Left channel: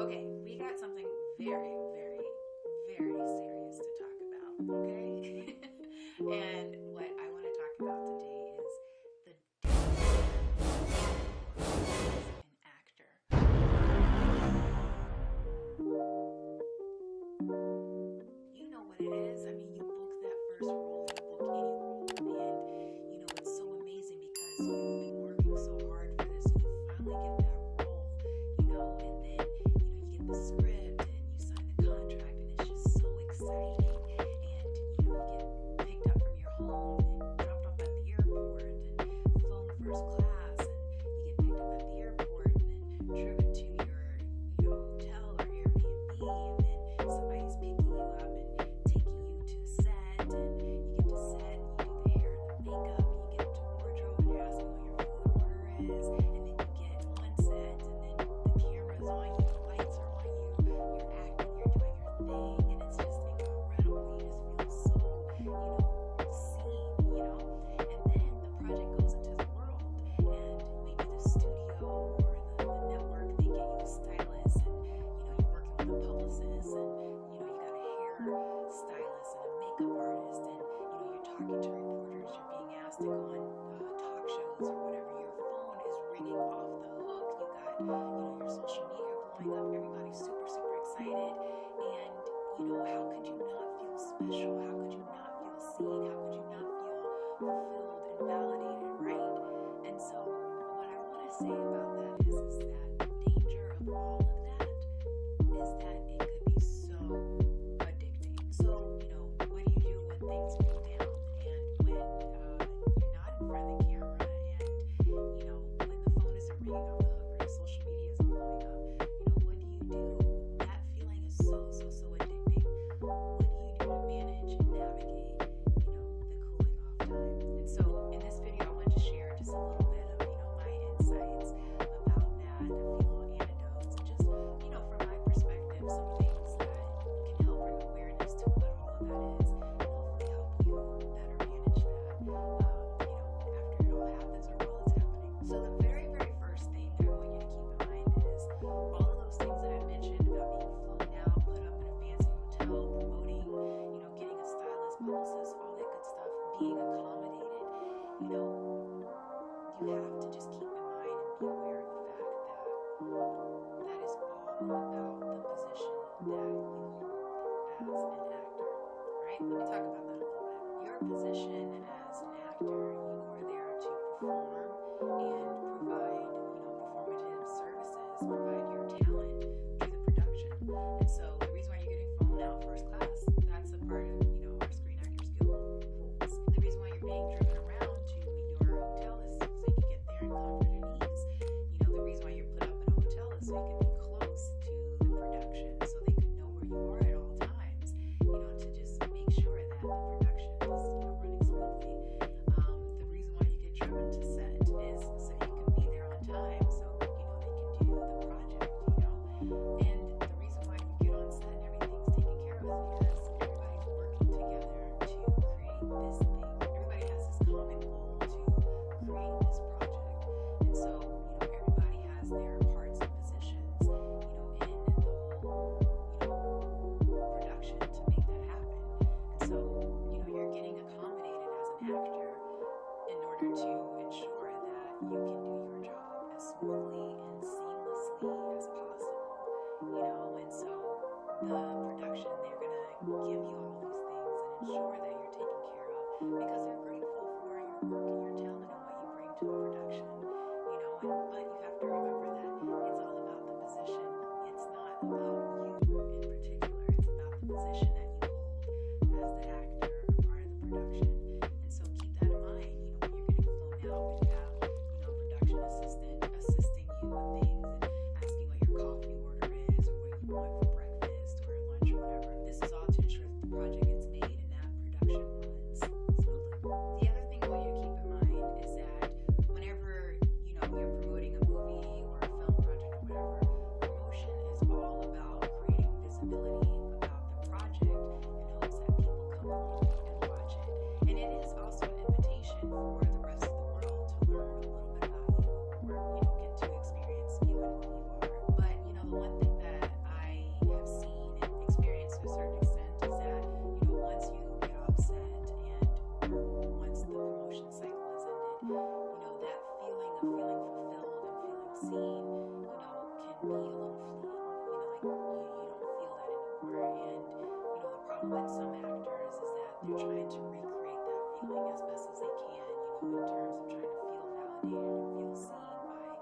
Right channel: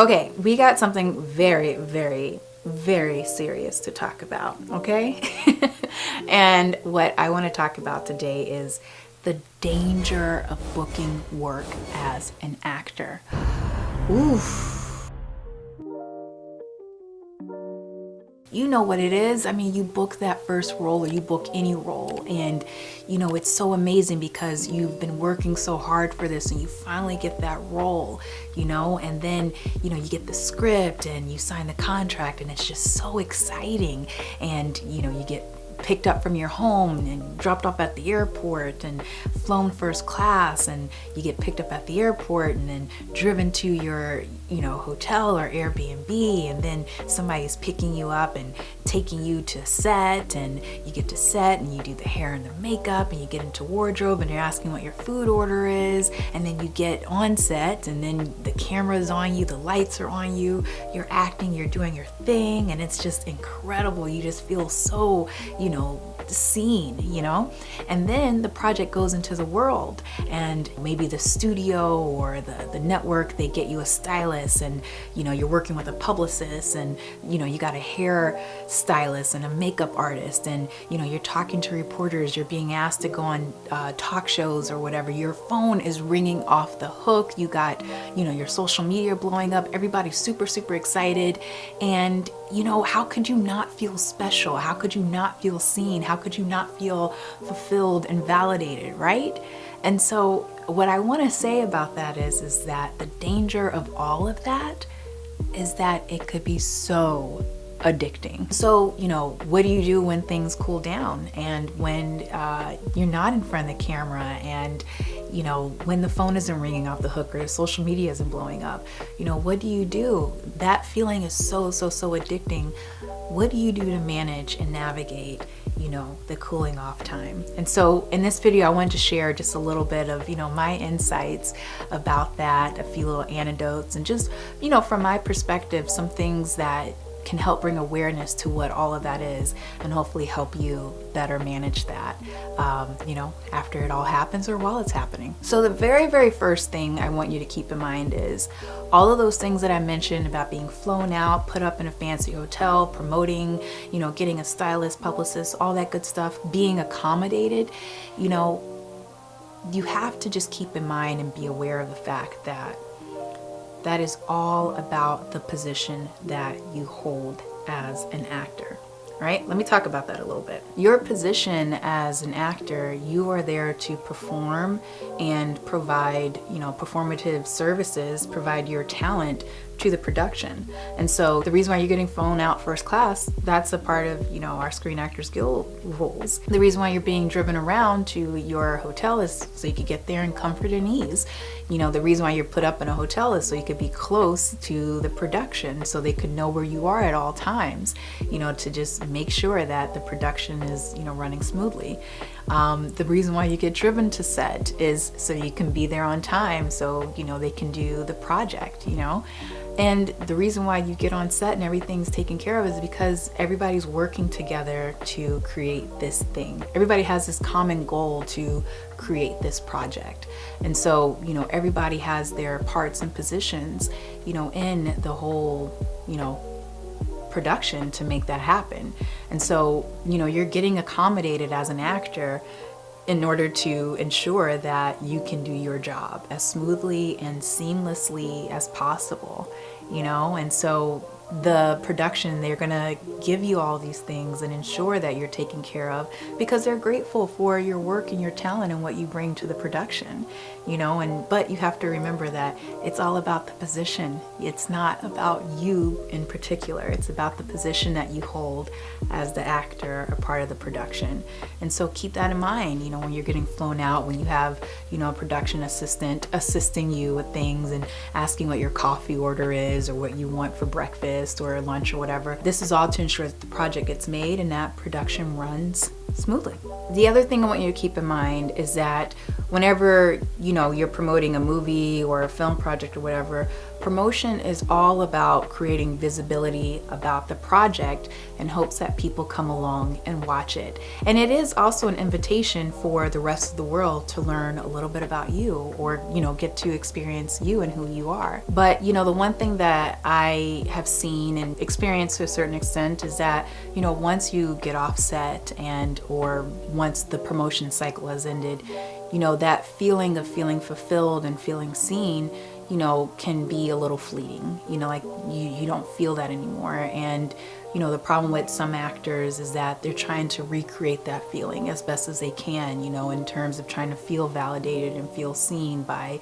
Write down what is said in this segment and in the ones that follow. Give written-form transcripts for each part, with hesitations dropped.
Okay, we got something very, very, very serious to talk about, okay? And what I want to talk about today is the danger of booking work as an actor. Oof. You know what it is. I mean, you book that first role, or you book any role, and you know, it's so amazing because you've been working so hard for this and you finally get that role, you know, and then, you know, you get the script and you sign the contract and it's just so exciting. And, you know, you get picked up from your home and dropped off at the airport and flown first class, and you get picked up at the airport and then driven to your, you know, hotel or Airbnb, and then somebody's picking you up and taking you to set, and you get to set and you do the hair and the makeup and you get into wardrobe and you're asking what your food order is, and then you get on set and then the camera's on you, the lights are on you, you're acting, you're doing your thing, and it's just incredible. You just feel so, you know, seen, you know. And then the project goes into the world, and maybe the studio or the network, they get you a stylist, and you know, you're working with a publicist, and you know, you got a hair stylist and a makeup artist, and you know, you're talking to reporters, you're being asked to go on talk shows or whatever. Your phone is ringing off the hook, you got, you know, your social media blowing up, everybody's super excited, and you know, how could you not feel special? How could you not feel seen? How could you not feel fulfilled and validated, right? And so what I want to say about that is that the danger of all of that is that it could be so addicting. So, you know, what do you do when things cool down, and when you're not in front of the camera, and you know, when the phone isn't ringing off the hook or the social media isn't blowing up? You know, what do you do? That feeling is so addicting. What do you do to manage and navigate, you know, the cooling off time? And so in this video, I wanted to share just a little bit of, you know, my insights about that, a few little anecdotes, and just, you know, from my perspective, some things that can help bring awareness to what all of that is, and hopefully help you better manage that, you know, after it all happens or while it's happening. So the very first thing I want you to keep in mind is all of those things that I mentioned about being flown out, put up in a fancy hotel, promoting, you know, getting a stylist, publicist, all that good stuff, being accommodated, you know, you have to just keep in mind and be aware of the fact that that is all about the position that you hold as an actor, right? Let me talk about that a little bit. Your position as an actor, you are there to perform and provide, you know, performative services, provide your talent to the production. And so the reason why you're getting flown out first class, that's a part of, you know, our Screen Actors Guild rules. The reason why you're being driven around to your hotel is so you could get there in comfort and ease. You know, the reason why you're put up in a hotel is so you could be close to the production, so they could know where you are at all times, you know, to just make sure that the production is, you know, running smoothly. The reason why you get driven to set is so you can be there on time, so, you know, they can do the project, you know. And the reason why you get on set and everything's taken care of is because everybody's working together to create this thing. Everybody has this common goal to create this project. And so, you know, everybody has their parts and positions, you know, in the whole, you know, production to make that happen. And so, you know, you're getting accommodated as an actor in order to ensure that you can do your job as smoothly and seamlessly as possible, you know. And so the production, they're gonna give you all these things and ensure that you're taken care of because they're grateful for your work and your talent and what you bring to the production, you know. And but you have to remember that it's all about the position. It's not about you in particular. It's about the position that you hold as the actor, a part of the production. And so keep that in mind, you know, when you're getting flown out, when you have, you know, a production assistant assisting you with things and asking what your coffee order is or what you want for breakfast or lunch or whatever. This is all to ensure that the project gets made and that production runs smoothly. The other thing I want you to keep in mind is that whenever, you know, you're promoting a movie or a film project or whatever, Promotion is all about creating visibility about the project in hopes that people come along and watch it. And it is also an invitation for the rest of the world to learn a little bit about you, or, get to experience you and who you are. But, the one thing that I have seen and experienced to a certain extent is that, once you get off set or once the promotion cycle has ended, that feeling of feeling fulfilled and feeling seen, can be a little fleeting, like you don't feel that anymore. And, the problem with some actors is that they're trying to recreate that feeling as best as they can, in terms of trying to feel validated and feel seen by,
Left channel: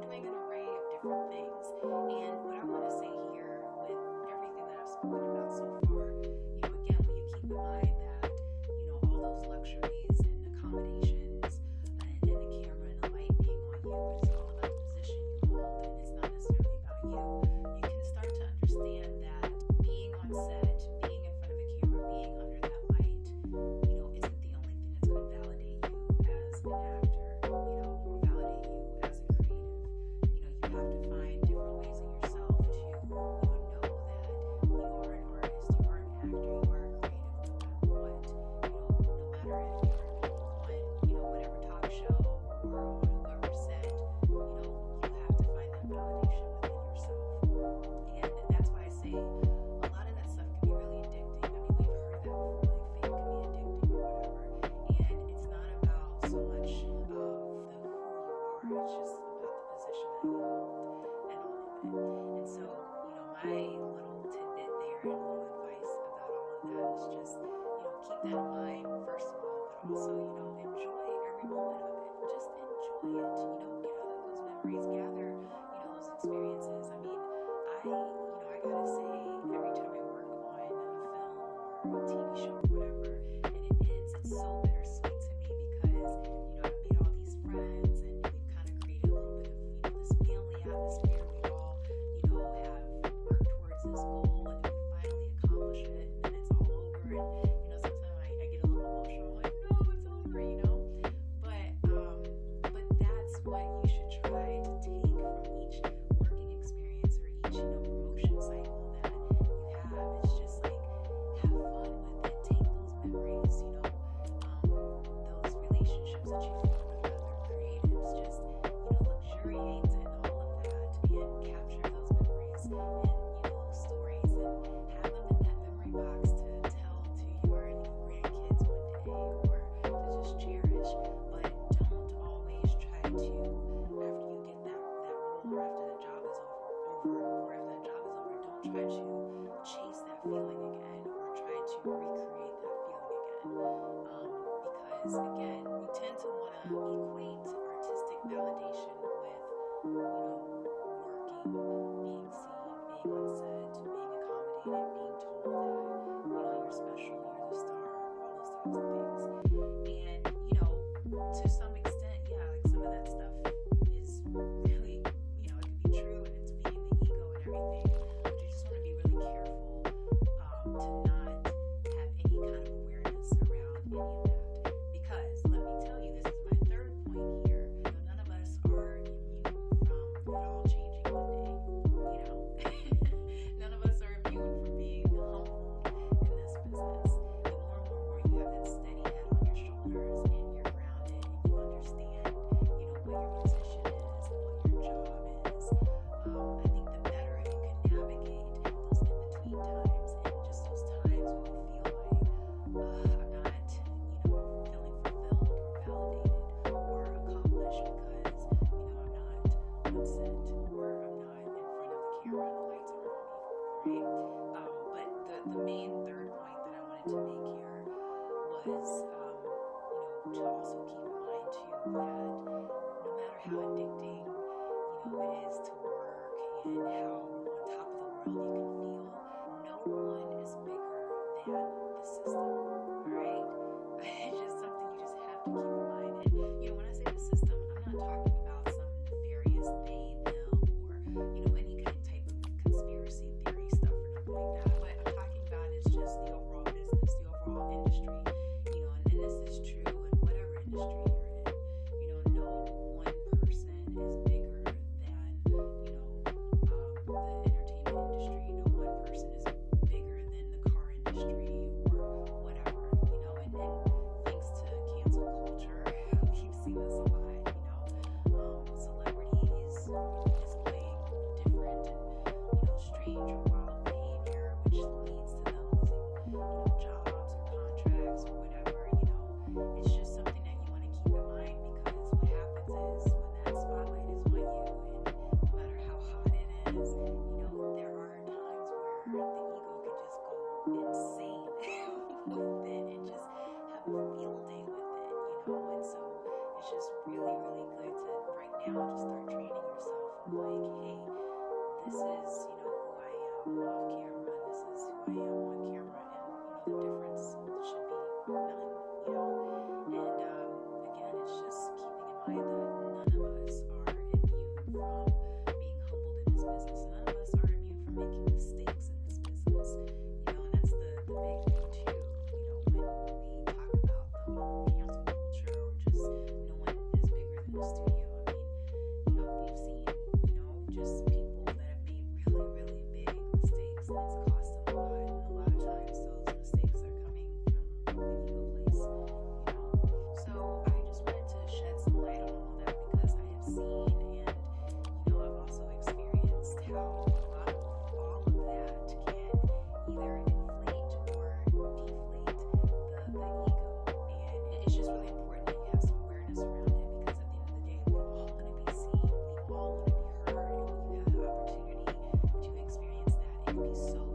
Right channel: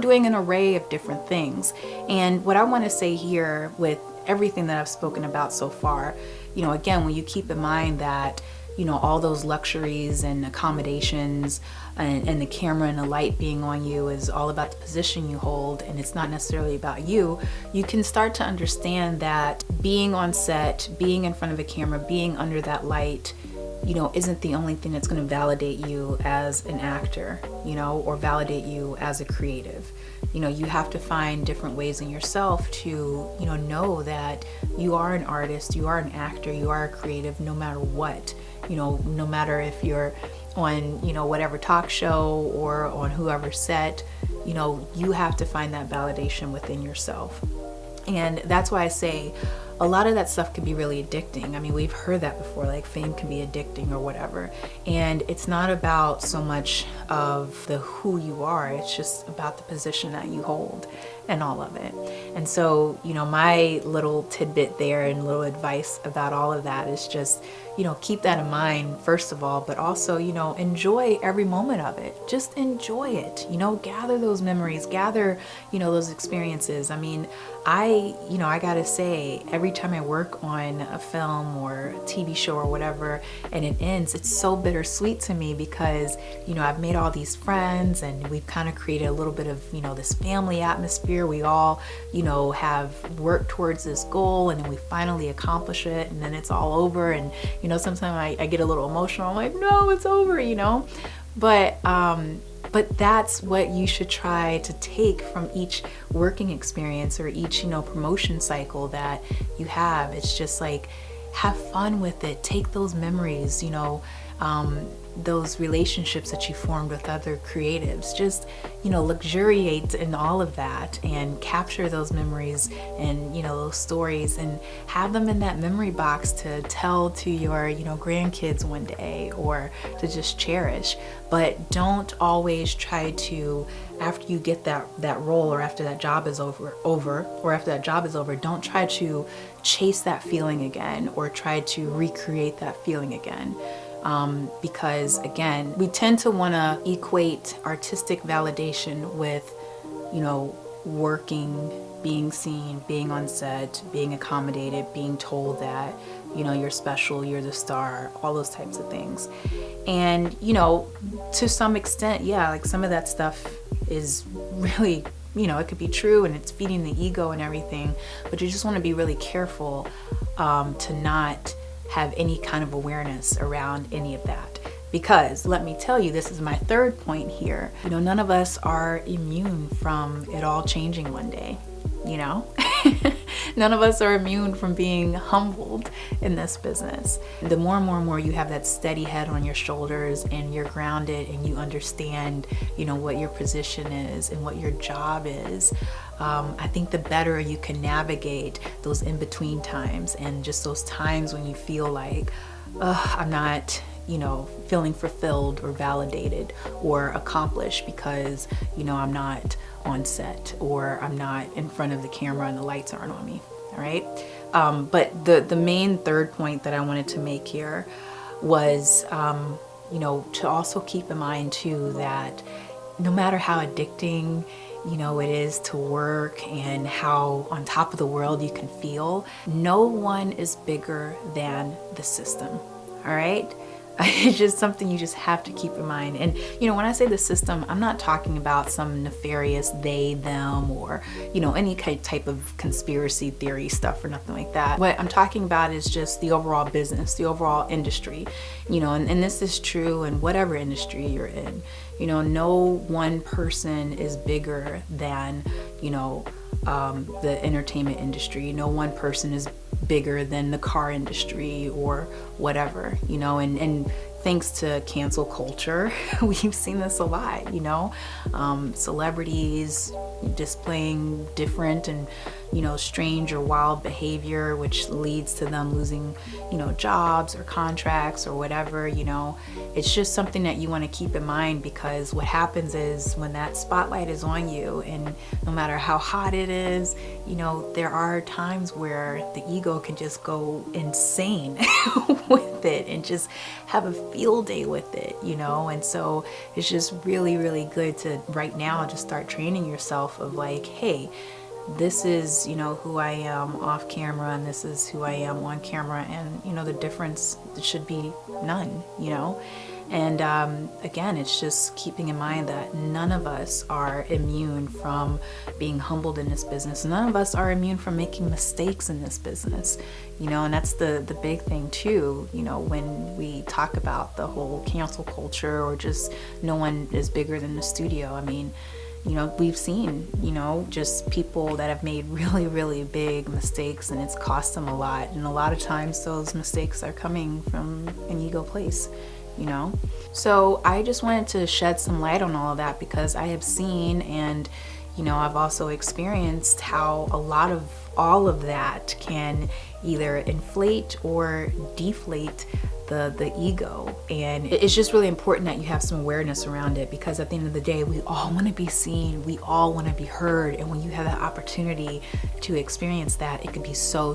doing an array of different things. And what I want to say here with everything that I've spoken about so far, again, when you keep in mind that, all those luxuries and accommodations and the camera and the light being on you is all about the position you hold, and it's not necessarily about you, you can start to understand that being on set, being in front of a camera, being under that light, isn't the only thing that's going to validate you as an actor, or validate you as a creative. You have to find different ways in yourself to, know that you are an artist, you are an actor, you are a creative, no matter what. No matter if you're on, whatever talk show or on whoever set, you have to find that validation within yourself. And that's why I say a lot of that stuff can be really addicting. I mean, we've heard that before, like fame can be addicting or whatever. And it's not about so much of the who you are, it's just about the position that you hold and all of it. And so, my little tidbit there and little advice about all of that is just, keep that in mind, first of all, but also, enjoy every moment of it. Just enjoy it, gather those memories, gather, those experiences. I mean, I gotta say, every time I work on a film or a TV show or whatever, and it ends, it's so bittersweet to me because, I've made all these friends and we've kind of created a little bit of, this family atmosphere. We all, have worked towards this goal, and then we finally accomplish it, and then it's all over. And, sometimes I get a little emotional. I'm like, no, it's over, But that's what you should try to take from each working experience or each, promotion cycle that you have. It's just like, have fun with it. Take those memories, those relationships that you formed with other creatives. Just, luxuriate in all of that and capture those memories and, those stories and have them in that memory box to tell to your, grandkids one day, or to just cherish. But don't always try to, after you get that role or after that job is over, don't try to chase that feeling again or try to recreate that feeling again. Because again, we tend to want to equate artistic validation with, working, being seen, being on set, being accommodated, being told that, you're special, you're the star, all those types of things. And, to some extent, yeah, like some of that stuff is really, it could be true and it's feeding the ego and everything, but you just want to be really careful to not have any kind of awareness around any of that. Because let me tell you, this is my third point here. None of us are immune from it all changing one day, None of us are immune from being humbled in this business. The more and more you have that steady head on your shoulders and you're grounded and you understand, what your position is and what your job is, I think the better you can navigate those in-between times and just those times when you feel like, I'm not, feeling fulfilled or validated or accomplished because, I'm not on set or I'm not in front of the camera and the lights aren't on me. All right. But the main third point that I wanted to make here was, to also keep in mind too, that no matter how addicting, it is to work and how on top of the world you can feel, no one is bigger than the system. All right. It's just something you just have to keep in mind. And, when I say the system, I'm not talking about some nefarious they, them, or, any type of conspiracy theory stuff or nothing like that. What I'm talking about is just the overall business, the overall industry, and this is true in whatever industry you're in. No one person is bigger than, the entertainment industry. No one person is bigger than the car industry or whatever, you know, and thanks to cancel culture, we've seen this a lot, you know, celebrities displaying different and, you know, strange or wild behavior, which leads to them losing, you know, jobs or contracts or whatever, you know. It's just something that you want to keep in mind, because what happens is when that spotlight is on you, and no matter how hot it is, you know, there are times where the ego can just go insane with it and just have a field day with it, you know. And so it's just really, really good to right now just start training yourself of like, hey, this is, you know, who I am off camera, and this is who I am on camera, and, you know, the difference should be none, you know. And again, it's just keeping in mind that none of us are immune from being humbled in this business. None of us are immune from making mistakes in this business, you know. And that's the big thing too, you know, when we talk about the whole cancel culture or just no one is bigger than the studio. I mean, you know, we've seen, you know, just people that have made really, really big mistakes, and it's cost them a lot. And a lot of times those mistakes are coming from an ego place, you know. So I just wanted to shed some light on all of that, because I have seen, and, you know, I've also experienced how a lot of all of that can either inflate or deflate the ego. And it's just really important that you have some awareness around it, because at the end of the day, we all want to be seen, we all want to be heard, and when you have that opportunity to experience that, it can be so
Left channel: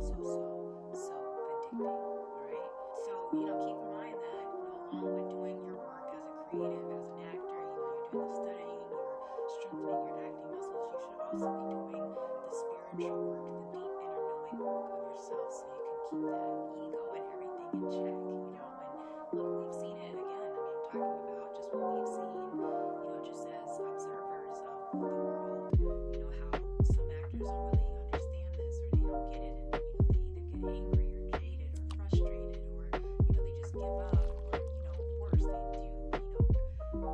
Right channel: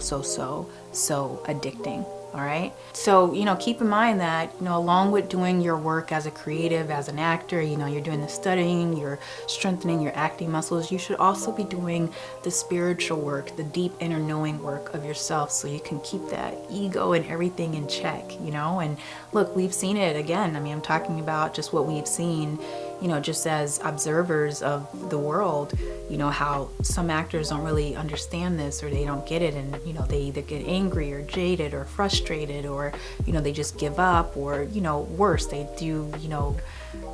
addicting. All right. So, you know, keep in mind that, you know, along with doing your work as a creative, as an actor, you know, you're doing the studying, you're strengthening your acting muscles, you should also be doing the spiritual work, the deep inner knowing work of yourself, so you can keep that ego and everything in check, you know. And look, we've seen it again. I mean, I'm talking about just what we've seen, you know, just as observers of the world, you know, how some actors don't really understand this, or they don't get it, and, you know, they either get angry or jaded or frustrated, or, you know, they just give up, or, you know, worse, they do, you know,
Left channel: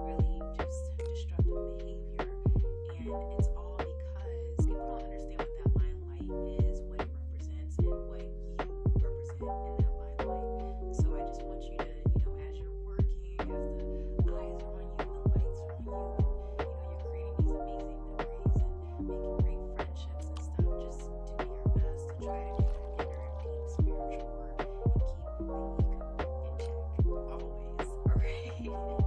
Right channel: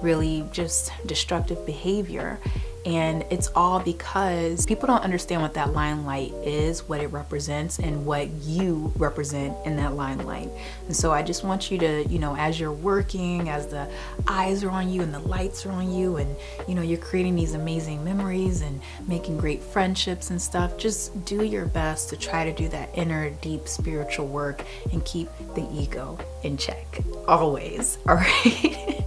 really just destructive behavior. And it's all because people don't understand what that limelight is, what it represents, and what you represent in that limelight. And so I just want you to, you know, as you're working, as the eyes are on you and the lights are on you, and, you know, you're creating these amazing memories and making great friendships and stuff, just do your best to try to do that inner, deep spiritual work and keep the ego in check always. All right.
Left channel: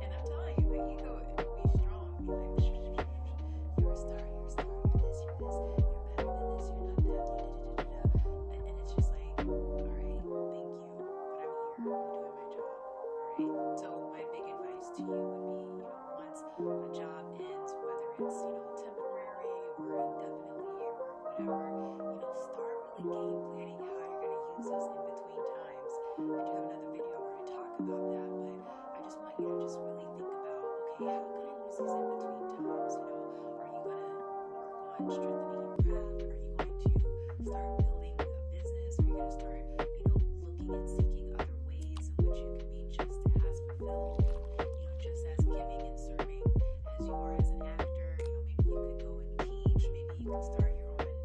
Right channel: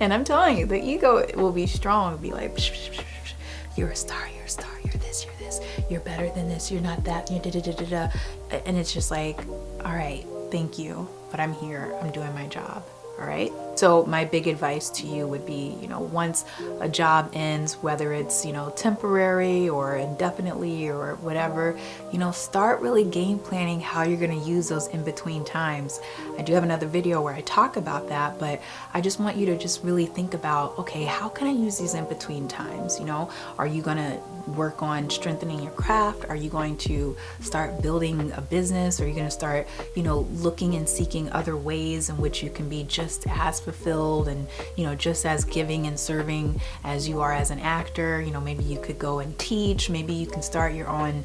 And I'm telling you, the ego will be strong, be like, psh, psh, psh, psh, you're a star, you're this, you're better than this, you're not that, you're da-da-da-da-da. And it's just like, all right, thank you, but I'm here, I'm doing my job. All right. So my big advice to you would be, you know, once a job ends, whether it's, you know, temporary or indefinitely or whatever, you know, start really game planning how you're going to use those in between times. I do have another video where I talk about that, but I just want you to just really think about, okay, how can I use these in between times? You know, are you going to work on strengthening your craft? Are you going to start building a business? Are you going to start, you know, looking and seeking other ways in which you can be just as fulfilled and, you know, just as giving and serving as you are as an actor? You know, maybe you could go and teach, maybe you can start your own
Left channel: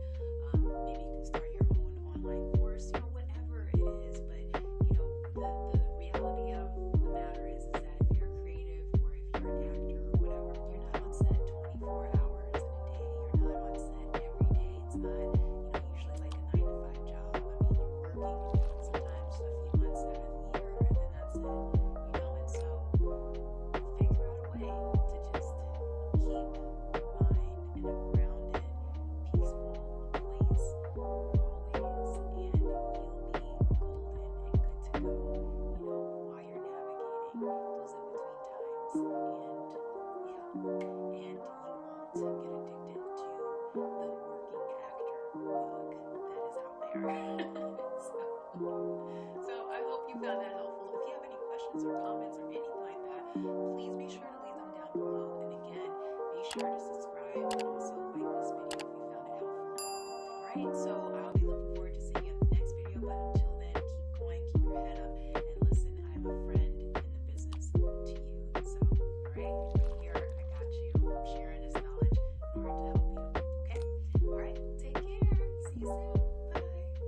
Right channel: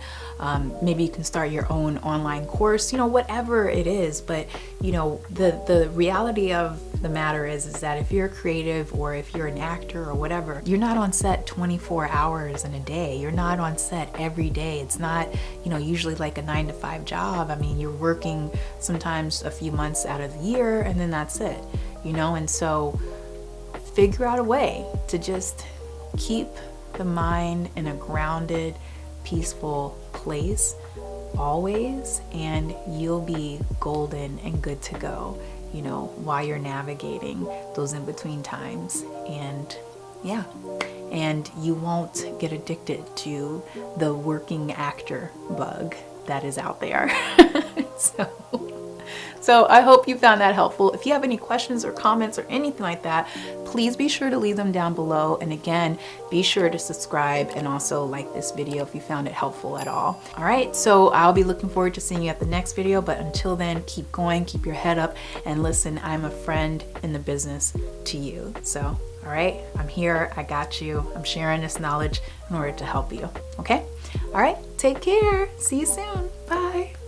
online course, you know, whatever it is. But, you know, the reality of the matter is that if you're creative or if you're an actor or whatever, you're not on set 24 hours in a day. You're not on set every day. It's not, you know, usually like a 9-to-5 job. I mean, you're working sometimes a few months out of the year, and then that's it, you know. And so figure out a way to just keep the mind in a grounded, peaceful place always, and you'll be golden and good to go, you know, while you're navigating those in between times. And yeah, and you won't get addicted to the working actor bug that is out there. So So I hope you found that helpful. If you have any questions or comments or anything like that, please be sure to leave them down below. And again, be sure to subscribe and also like this video if you found it helpful at all. All right, so I'll be looking forward to seeing you at the next video, but until then, keep going, keep your head up, and listen, I'm a friend in the business to you. So, all right, I'm here, I got you. I'm sharing this knowledge in order to help you, okay? All right, take care. See you soon. Bye.